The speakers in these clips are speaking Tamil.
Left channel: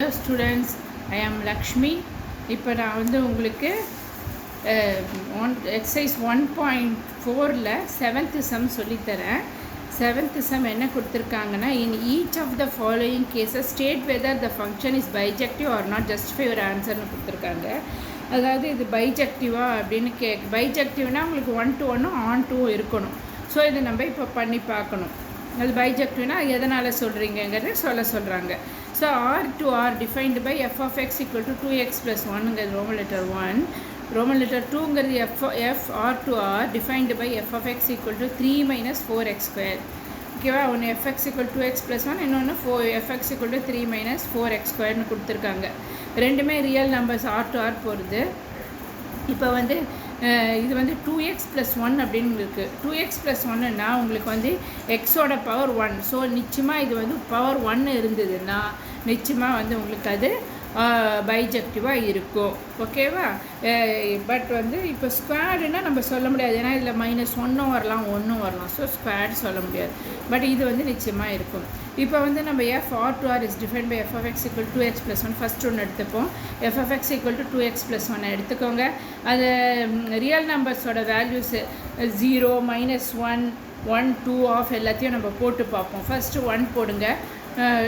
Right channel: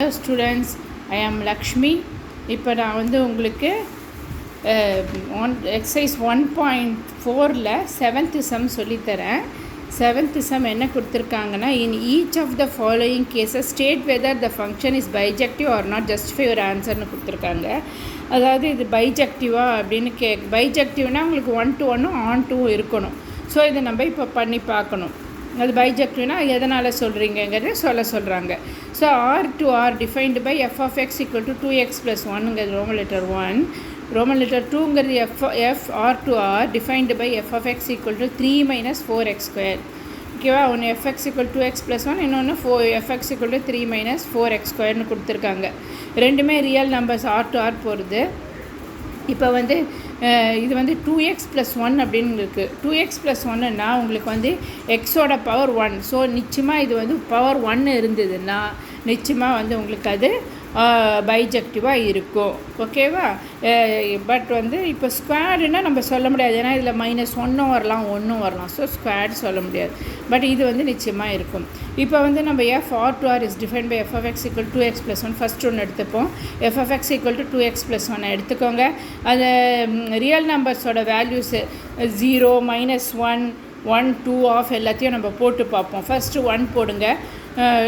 Hello students, I am Lakshmi. இப்போ நான் வந்து உங்களுக்கு எக்ஸசைஸ் 1.4ல் 7th sum சொல்லித்தரேன். 7th sum என்ன கொடுத்துருக்காங்கன்னா, in each of the following cases state whether the function is bijective or not, justify your answerனு கொடுத்துருக்காங்க. அதாவது இது பைஜெக்டிவா அப்படின்னு பைஜெக்டிவ்னால் உங்களுக்கு 1 to 1 on 2 இருக்கணும். ஸோ இதை நம்ம இப்போ பண்ணி பார்க்கணும். அது பைஜெக்டிவ்னா எதனால் சொல்கிறீங்கிறது சொல்கிறாங்க. So R to R defined by F of X equal to 2x + 1ங்கிறது ரோமன் லெட்டர் 1, ரோமன் லெட்டர் 2ங்கிறது F R to R defined by F of X equal to 3 - 4x². ஓகேவா? ஒன்று எஃப்எக்ஸ் ஈக்குவல் 2x + 1, இன்னொன்று எஃப்எக்ஸ் ஈக்குவல் டு 3 - 4x² கொடுத்துருக்காங்க. ரெண்டுமே real numbers R to R போகிறது. இப்போ வந்து இது வந்து 2x + 1 அப்படின்னு இருக்குது. 2x + 1ன்னா உங்களுக்கு வந்து எக்ஸோட பவர் 1. ஸோ நிச்சயமாக இது வந்து பவர் 1 இருந்ததுன்னா நிச்சயமாக வந்து உங்களுக்கு அது பைஜெக்டிவாக இருக்கும். ஓகேவா? பட் வந்து இப்போ ஸ்குவாடுன்னா நம்ம சொல்ல முடியாது, ஏன்னா இதில் -1 வரலாம் 1 வரலாம். ஸோ ஸ்குவாட் சொல்ல முடியாது. பட் இது வந்து நிச்சயமாக இருக்கும். இப்போ வந்து நம்ம f R to R is define by F of X equal 2x + 1 first ஒன்று எடுத்துப்போம். F of X equal to 2x + 1 எடுத்துக்கோங்க. அது ரியல் நம்பர்ஸோட வேல்யூஸு 0, -1, 1, 2 ஆஃப் எல்லாத்தையும் நம்ம போட்டு பார்ப்போம். ஃபஸ்ட்டு 1 போடுங்க.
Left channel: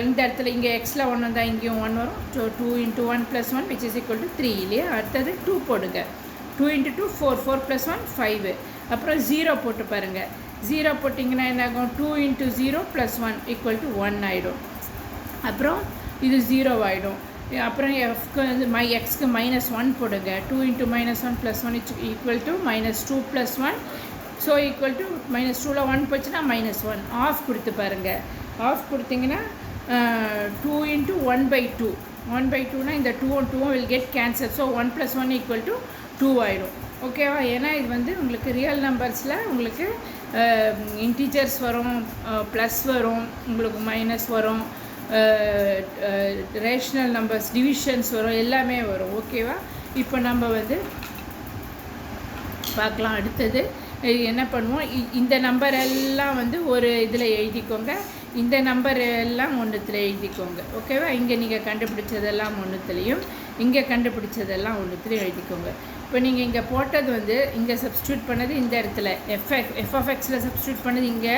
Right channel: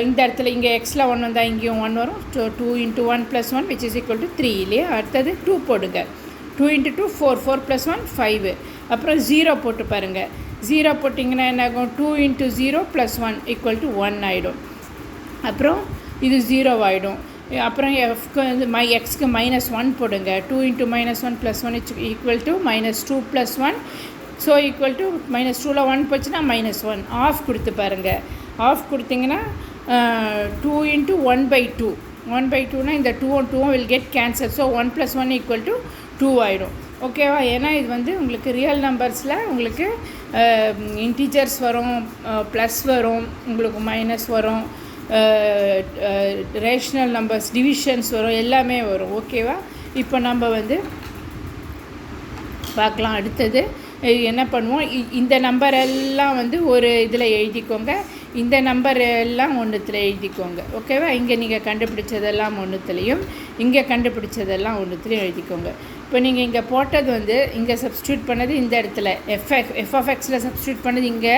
இந்த இடத்துல இங்கே எக்ஸில் 1 வந்தால் இங்கேயும் 1 வரும். So 2 × 1 + 1 which is equal to 3 இல்லையா? அடுத்தது 2 போடுங்க. 2 × 2 4, 4 + 1 5. அப்புறம் 0 போட்டு பாருங்கள். 0 போட்டிங்கன்னா என்ன ஆகும்? 2 × 0 + 1 = 1 ஆகிடும். அப்புறம் இது 0 ஆகிடும். அப்புறம் எஃப்க்கு வந்து எக்ஸ்க்கு -1 போடுங்க. 2 × -1 + 1 = -2 + 1. ஸோ ஈக்குவல் டு -2ல் 1 போச்சுன்னா -1. ஆஃப் கொடுத்து பாருங்கள். ஆஃப் கொடுத்தீங்கன்னா 2 × 1/2. 1/2னா இந்த 2 will get cancelled. ஸோ 1 + 1 = 2 ஆகிடும். ஓகேவா? ஏன்னா இது வந்து உங்களுக்கு ரியல் நம்பர்ஸில் உங்களுக்கு இன்டீஜர்ஸ் வரும், ப்ளஸ் வரும், உங்களுக்கு மைனஸ் வரும், ரேஷ்னல் நம்பர்ஸ் டிவிஷன்ஸ் வரும், எல்லாமே வரும். ஓகேவா? இப்போ நம்ம வந்து பார்க்கலாம். அடுத்தது என்ன பண்ணுவோம், இந்த நம்பர் எல்லாம் வந்து ஒரு இதில் எழுதிக்கோங்க, இந்த நம்பர் எல்லாம் ஒன்றுத்தில் எழுதிக்கோங்க. ஓகேவா? இங்கே நீங்கள் கண்டுபிடிச்சதெல்லாம் ஒன்றுத்துலேயும், இங்கே கண்டுபிடிச்சதெல்லாம் ஒன்றுத்துலையும் எழுதிக்கோங்க. இப்போ நீங்கள் இங்கே போட்டது வந்து இங்கே சப்ஸ்டியூட் பண்ணது இந்த இடத்துல எஃப் ஆஃப் எக்ஸில் சப்ஸ்டியூட் பண்ணது இங்கே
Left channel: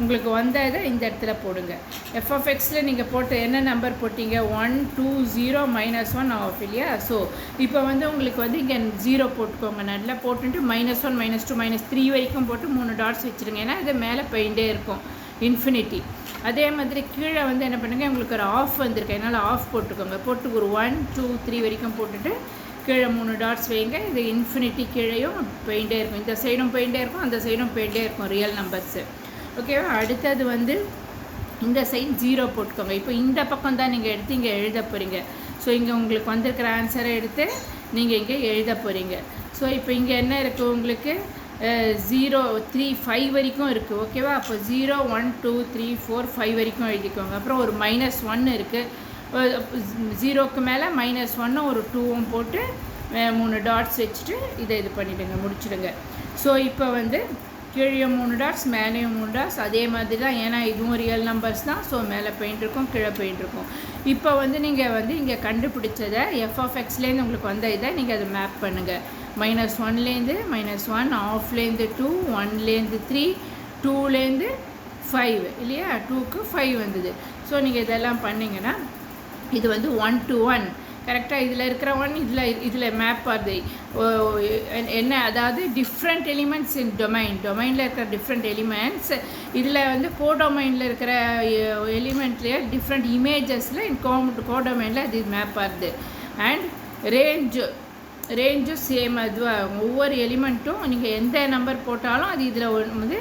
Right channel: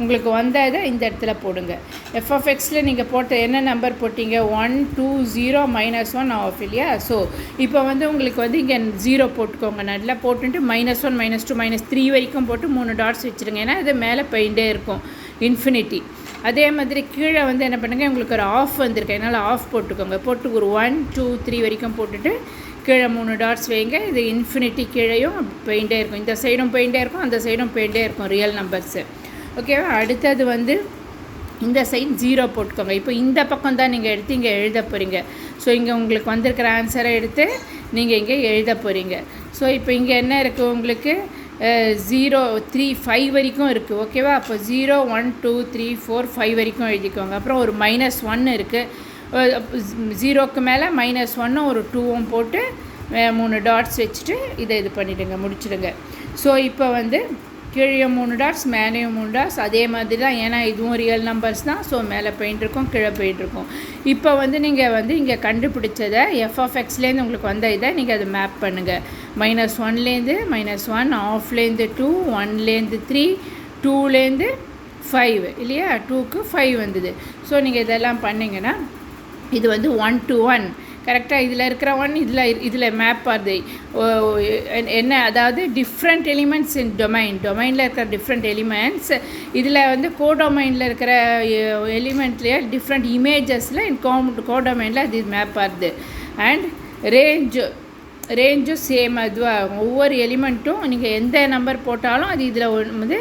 உங்களுக்கு வந்ததை இந்த இடத்துல போடுங்க. எஃப் ஆஃப் எக்ஸில் நீங்கள் போட்ட என்ன நம்பர் போட்டிங்க? 1 2 0 -1 ஆஃப் இல்லையா? ஸோ இப்போ வந்து உங்களுக்கு வந்து இங்கே 0 போட்டுக்கோங்க. நல்லா போட்டுட்டு -1 -2 -3 வரைக்கும் போட்டு 3 டாட்ஸ் வச்சுருங்க. ஏன்னா இது மேலே போயிட்டே இருக்கும் இன்ஃபினிட்டி. அதே மாதிரி கீழே வந்து என்ன பண்ணுங்கள், உங்களுக்கு ஒரு ஆஃப் வந்திருக்கு, அதனால் ஆஃப் போட்டுக்கோங்க. போட்டு ஒரு 1 2 3 வரைக்கும் போட்டுட்டு கீழே 3 டாட்ஸ் வைங்க. இது இன்ஃபினிட்டி கீழேயும் போயிட்டே இருக்கும், இந்த சைடும் போயிட்டே இருக்கும், அந்த சைடும் போயிட்டே இருக்கும் ரியல் நம்பர்ஸு. ஓகேவா? அடுத்தது வந்து இந்த சைட் 0 போட்டுக்கோங்க. இப்போ இந்த பக்கம் தான் நீங்கள் எடுத்து இங்கே எழுத போகிறீங்க. ஸோ இங்கே உங்களுக்கு வந்திருக்கிற ஆன்சரை எடுத்து நீங்கள் இங்கே எழுத போகிறீங்க. ஸோ இப்போ இங்கே என்ன இருக்குது உங்களுக்கு? 0 3 5 வரைக்கும் இருக்குது. ஓகேவா? அப்போ 0 1 2 3 4 5 வரைக்கும் எழுதிக்கோங்க. அப்புறம் ஒரு -1 இருக்குது. 0க்கு மேலே -1 ஒரு 2வும் போட்டு 3 டாட்ஸ் வச்சுட்டு இதை இது பண்ணிவிடுங்க, முடிச்சுடுங்க. ஸோ இப்போ வந்து கீழே 3 டாட்ஸ், மேலேயும் 3 டாட்ஸ். அதே மாதிரி தான், ஏன்னா இதுவும் ரியல் நம்பர்ஸ் தான். ஸோ மேலே போயிட்டுருக்கும், கீழே போயிட்டுருக்கும். இப்போ வந்து நீங்கள் வந்து இங்கே கண்டுபிடிச்சதை எஃப் ஆஃப் எக்ஸ்லேருந்து உங்களுக்கு வந்த இதை நீங்கள் அதை மேப் பண்ணுங்கள். -1லேருந்து -1, ஆஃப்லேருந்து 2, 1லேருந்து 3, 2லேருந்து 5 இல்லையா? 2க்கு 5 வந்தது. ஸோ நீங்கள் இதெல்லாம் பண்ணிங்கன்னா இது வந்து 1 to 1 கரெக்டாக. இதில் இருக்கிற 1 இதில் மேப் ஆகுது. என்ன, அதாவது டிஃப்ரெண்ட் எலிமெண்ட்ஸ் இன் டொமைனில் இருக்கிற டிஃப்ரெண்ட் எலிமெண்ட்ஸ் இதில் வந்து கோடொமைனில் இருக்கிற எலிமெண்ட்லேயே டிஃப்ரெண்ட் இமேஜஸில் கோடொமைனில் அது மேப் ஆகுது. அண்ட் ரேஞ்சும் சேம் அதுவாக ஒவ்வொரு எலிமெண்ட்டும் நீங்கள் எந்த நம்பர் போட்டாலும் அது இதில் வந்து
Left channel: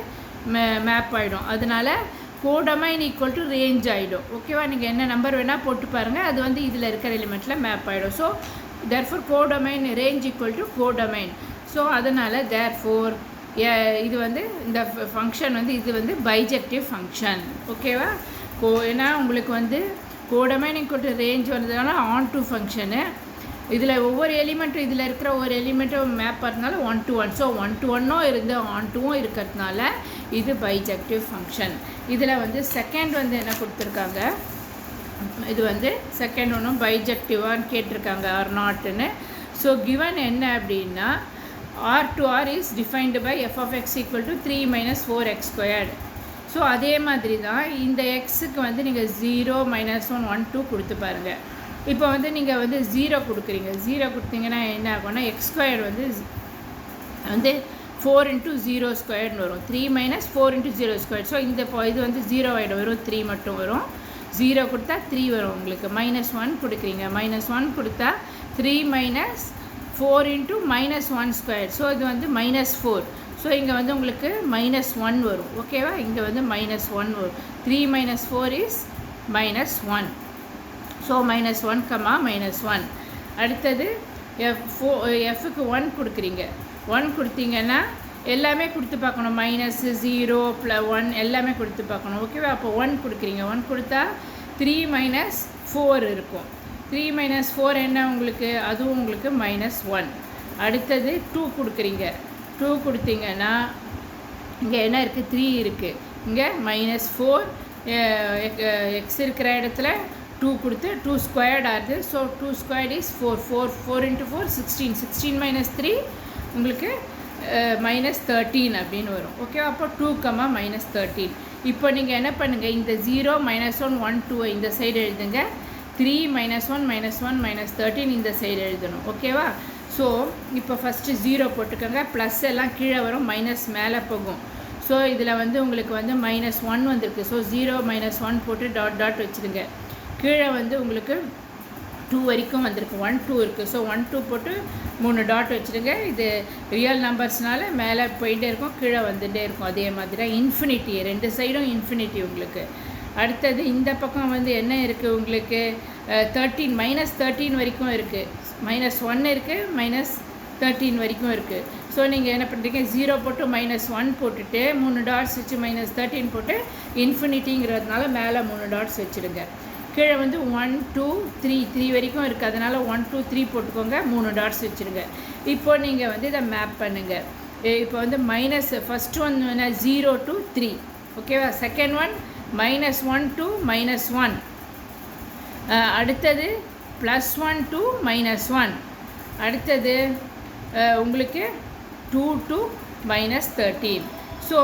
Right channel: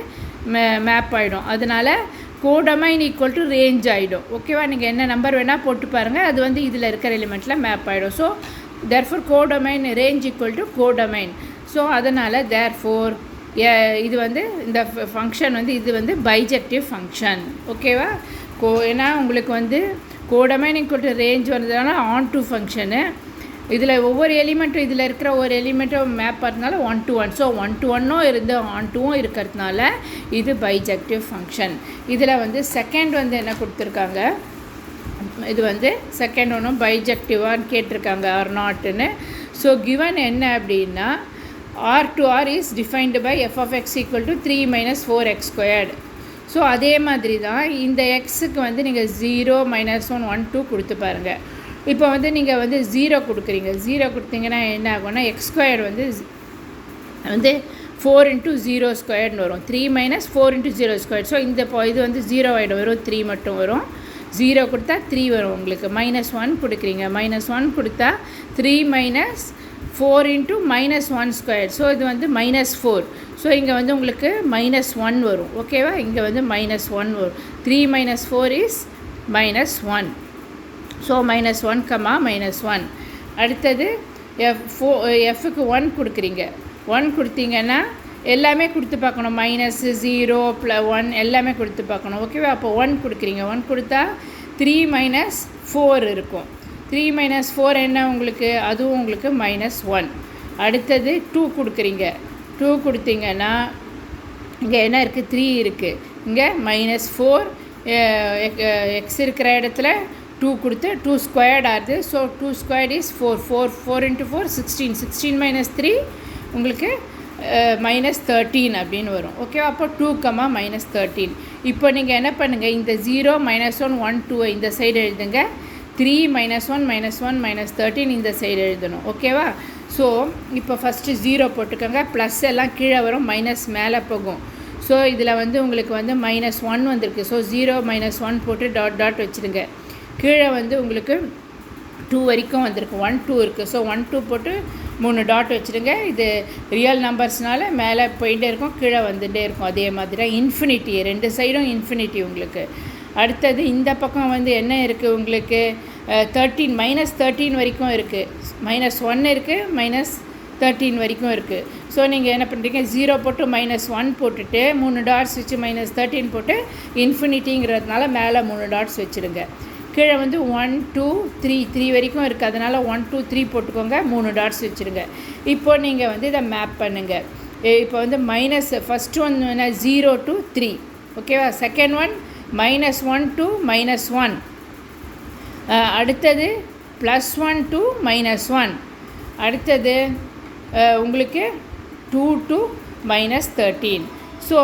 மேப் ஆகிடும். அதனால் கோடொமைன் ஈக்குவல் டு ரேஞ்ச் ஆகிடும். ஓகேவா? நீங்கள் என்ன நம்பர் வேணால் போட்டு பாருங்கள், அது வந்து இதில் இருக்கிற எலிமெண்ட்டில் மேப் ஆகிடும். So therefore codomain range equal to codomain. So அதனால் தேர்ஃபோர் இது வந்து இந்த ஃபங்க்ஷன் வந்து இது வந்து பைஜெக்டிவ் ஃபங்க்ஷன். ஓகேவா? ஏன்னா உங்களுக்கு வந்து கோடொமைன் ஈக்குவல் டு ரேஞ்ச் வந்ததுனால ஆன் டு ஃபங்க்ஷனு. இதில் ஒவ்வொரு எலிமெண்ட்டும் இதில் இருக்கிற ஒரு எலிமெண்ட்டும் மேப் பண்ணுறதுனால 1 to 1. ஸோ 1 to 1 இருந்து ஆன் 2வும் இருக்கிறதுனால இது பைஜெக்டிவ் ஃபங்க்ஷன். இதில் வந்து செகண்ட் வந்து என்ன கொடுத்துருக்காங்க, இது வந்து செகண்ட் ஒன்றும் பைஜெக்டிவான்னு கேட்டிருக்காங்க ஆர் நாட்டுன்னு. ஸோ கிவன் என்ன அப்படின்னா R to R is defined by F of X equal to 3 - 4x squared. So அதே மாதிரி தான் இந்த எக்ஸுக்கு வந்து நீங்கள் 0 - 1 1 2 கொடுத்து பாருங்கள். இப்போ வந்து நீங்கள் வந்து 0 கொடுக்குறீங்க. 0 கொடுத்தீங்கன்னா என்ன ஆகும்னா எக்ஸ் ஸ்கொயர்டு வந்து 4 × 0 ஸ்கொயர்னு வரும். 3 - 4 × 0 ஸ்கொயர். ஸோ இந்த இது வந்து 0 ஆகிடும், வரும் 3 மட்டும் வரும். 0 கொடுத்தா 3 வரும் உங்களுக்கு. -1 கொடுக்குறீங்க. -1 கொடுத்தா 3 - 4 × -1 ஸ்கொயர். ஸோ இது வந்து -4. ஸோ இங்கே வந்து உங்களுக்கு -1 வரும். ஓகேவா? இங்கே வந்து -1 வரும். 3 - 4 இஸ் -1. ஸோ -1, -1. அடுத்தது எஃப்க்கு 1 கொடுக்குறீங்க. 1 கொடுத்தீங்கன்னா எல்லாமே கொடுத்து பார்க்கணும். -0 +1 எல்லாமே கொடுத்து பார்க்கணும். ஓகேவா? அப்போ 1 கொடுக்குறீங்க. 1 கொடுத்தா 3 - 4 இருக்கும். 3 - 4 என்ன உங்களுக்கு? அதுவும் உங்களுக்கு -1. அடுத்தது 2 கொடுக்குறீங்க. 2 கொடுத்தீங்கன்னா இங்கே என்ன இருக்குது? 3 இருக்குது. இங்கே -4 எக்ஸ் இருக்கிற இடத்துல 2 கொடுத்து 2 ஸ்கொயர்ட் ஆகுது. So 2 squared is 4. 4 × 4 16. 16 - 3 உங்களுக்கு -13 அப்படின்னு வரும். ஓகேவா? அப்போ 2, -13. இப்போ நீங்கள் என்ன பண்ணுங்கள், இந்த 0 - 1 1 2 இந்த சைடு எழுதுங்க. 3 - 1 -1 -13 இந்த சைடு எழுதணும். ஓகேவா? ஸோ இப்போ ஃபஸ்ட்டு 0 போட்டுக்கோங்க. ப்ளஸ் எல்லாம் கீழே வரும், மைனஸ் மேலே போகும். ஸோ இதில் வந்து உங்களுக்கு வந்து -1 வந்திருக்கு. ஸோ 0 - 1 போட்டு டாட் வச்சுருங்க. கீழே வந்து உங்களுக்கு 2 வரைக்கும் வந்திருக்கு. 1 2 இருக்குது. ஸோ 1 2 போட்டு 3 டாட் வச்சுருங்க. இது ரியல் நம்பர்ஸ்னால மேலே போயிட்டே இருக்கும், கீழே வந்துகிட்டே இருக்கும். அதே மாதிரி இன்ஃபினிட்டி, 2 சைடும் இன்ஃபினிட்டி உங்களுக்கு. அடுத்தது இந்த பக்கம் வந்து என்ன இருக்குது உங்களுக்கு? 13 -13 வரைக்கும் இருக்குது. -1 இருக்குது, -13 வரைக்கும் இருக்குது. ஸோ நீங்கள் என்ன பண்ணுறீங்க? 0 போட்டு -1 போட்டுட்டு 3 டாட்ஸ் வச்சு -13 போட்டு இன்ஃபினிட்டிங்கிறதுனால மேலே 3 டாட்ஸ் வச்சுருங்க. கீழே வந்து 1 2 3 வரைக்கும் இருக்குது. அதனால் 1 2 3 போட்டுக்கோங்க, 3 டாட்ஸ் வச்சுருங்க. இப்போ நீங்கள் வந்து இதை மேப் பண்ணுங்கள். இப்போ வந்து ஃபஸ்ட் ஒன் 0 to 3. ஓகேவா? Second one -1 to -1. அடுத்தது +1 to -1. அடுத்தது உங்களுக்கு 2 to -13. ஸோ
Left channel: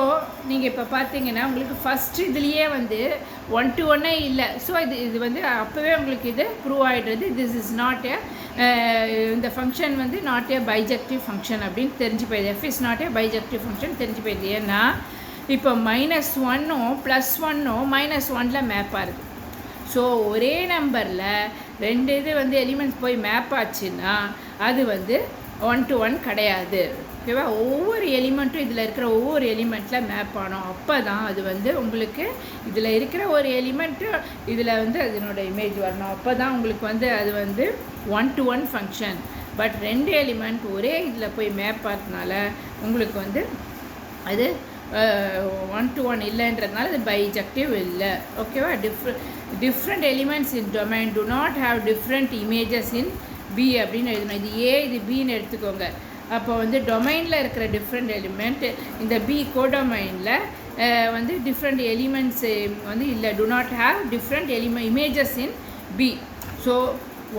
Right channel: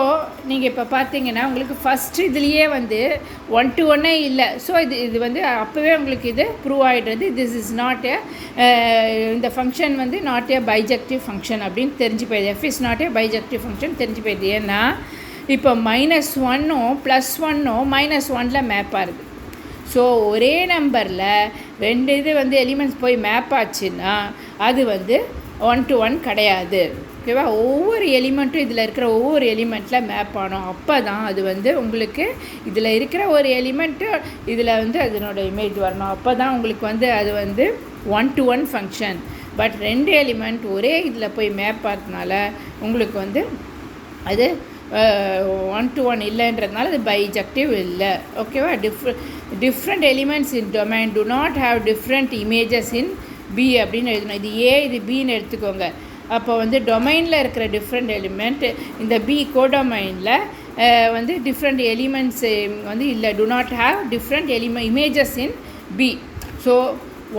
நீங்கள் இப்போ பார்த்தீங்கன்னா உங்களுக்கு ஃபஸ்ட்டு இதுலேயே வந்து 1 to 1 இல்லை. ஸோ இது வந்து அப்போவே உங்களுக்கு இது ப்ரூவ் ஆகிடுறது. திஸ் இஸ் நாட் இந்த ஃபங்க்ஷன் வந்து நாட் ஏ பைஜெக்டிவ் ஃபங்க்ஷன் அப்படின்னு தெரிஞ்சு போயிடுது. F is not a bijective function தெரிஞ்சு போயிடுது. ஏன்னா இப்போ -1ம் +1ம் -1ல் மேப் ஆகுது. ஸோ ஒரே நம்பரில் 2 இது வந்து எலிமெண்ட்ஸ் போய் மேப் ஆச்சுன்னா அது வந்து 1 to 1 கிடையாது. ஓகேவா? ஒவ்வொரு எலிமெண்ட்டும் இதில் இருக்கிற ஒவ்வொரு எலிமெண்ட்டில் மேப் ஆனோம். அப்போ தான் அது வந்து உங்களுக்கு இதில் இருக்கிற ஒரு எலிமெண்ட்டு இதில் வந்து அதனோட இமேஜ் வரணும். அப்போ தான் உங்களுக்கு வந்து அது வந்து 1 to 1 ஃபங்க்ஷன். பட் 2 எலிமெண்ட் ஒரே இதில் போய் மேப் ஆகிறதுனால உங்களுக்கு வந்து அது 1 to 1 இல்லைன்றதுனால அது பைஜெக்டிவ் இல்லை. ஓகேவா? Different elements in domain do not have different images in B அப்படின்னு எழுதணும். இது ஏ, இது பின்னு எடுத்துக்கோங்க. அப்போ வந்து டொமைனில் இருக்கிற டிஃப்ரெண்ட் எலிமெண்ட் இந்த பி கோடொமைனில் வந்து டிஃப்ரெண்ட் எலிமெண்ட்ஸ் வந்து இல்லை, do not have different images in B. So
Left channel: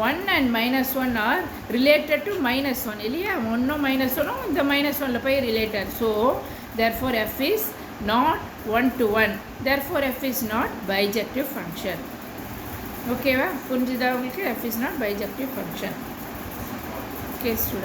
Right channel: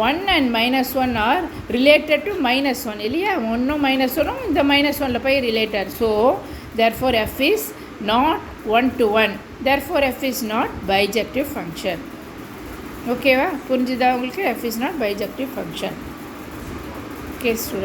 1 and -1 are related to -1 இல்லையா? 1ம் -1ம் இந்த -1ல் போய் related. So therefore f is not 1 to 1. therefore f is not bijective function. ஓகேவா? புரிஞ்சுதா உங்களுக்கு? f is not bijective function. Okay students.